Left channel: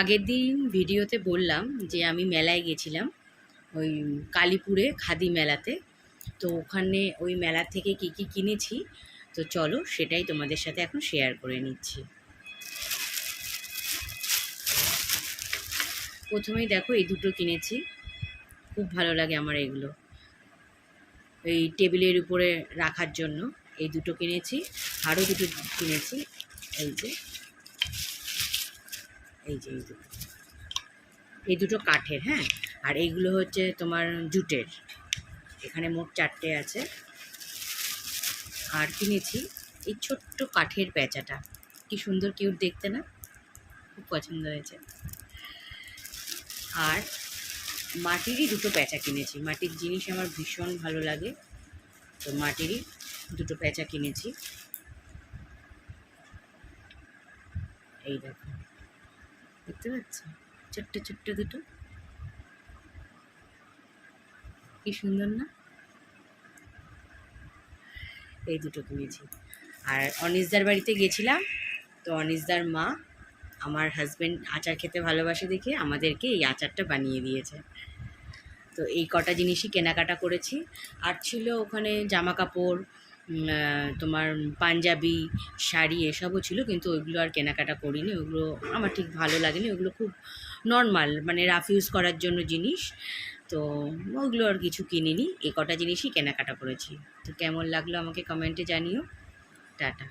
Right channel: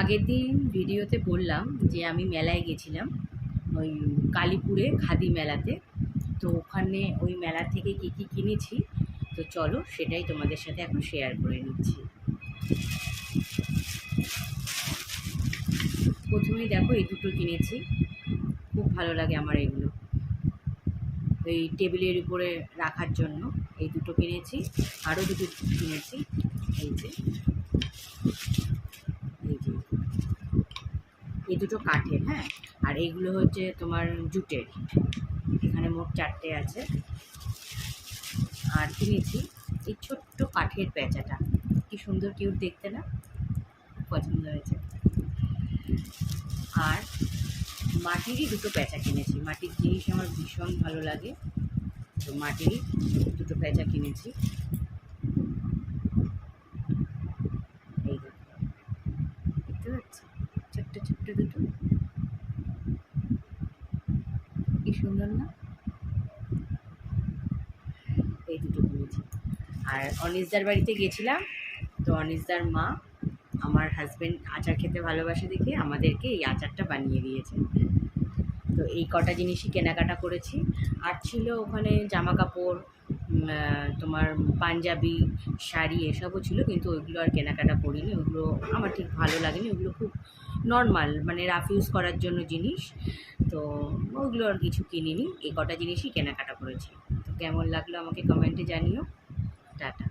আগের দিন ভিডিওতে বললাম যে আমি মেলায় গেছিলাম, ওই কালীপুরে খাদি মেলাতে। তো ওখানে ওই মেলা থেকে কি কি কিনেছি, তো চলো সেটাই তোমাদের সাথে এখন শেয়ার করে নিচ্ছি। প্রথমেই দেখো এই দুটো কিনেছি, খুব ভালো লাগে আমার এগুলো, এই টেবিলের উপরে রাখার জন্য এই দুটো কিনেছি। আরও দুটো কিনেছি, এই যে এই যে এই দুটো কাঠের, হ্যাঁ। আর এইগুলো হচ্ছে তোমার জুটের, এখানে মোট 4টে আছে। আর কিনেছি এই ছোট্ট কাঠের প্যাঁচাটা, কি সুন্দর কিউট দেখতে না, খুব পছন্দ হয়েছে। আর মাটিরই দুটো প্যাঁচা কিনেছি, মাটির জিনিস আমার ভীষণ ভালো লাগে, তো মাটিরই দুটো প্যাঁচা কিনেছি। এই দেখো, দেখতে পাচ্ছ ছোট্ট ছোট্ট দুটো, কি সুন্দর না। এই দুটো কিনেছি। আর অনিশদার বাড়িতে গেছিলাম, তো অনিশদার মা, আমার হাজব্যান্ড আচার খেতে ভালোবাসে দেখে আমাদেরকে এই আচারটা বানিয়ে দিয়েছে। তো এই কটা জিনিসই কেনাকাটা করেছি। আর ছিল ওখানে জামা কাপড়, তোমার পাঞ্জাবি, শাড়ি এসবও ছিল, কিন্তু ওইগুলো আর কেনাকাটা করিনি, ওগুলো আমার ঠিক ভালো লাগেনি, ওগুলো খুব নর্মাল, মানে রাফ ইউজ করার জন্য জিনিস। তো ওগুলো আর কিছু কিনিনি, এই কটা জিনিসই কেনাকাটা করেছি। তো কেমন লাগলো আমাকে কমেন্টে জানিও। টাটা।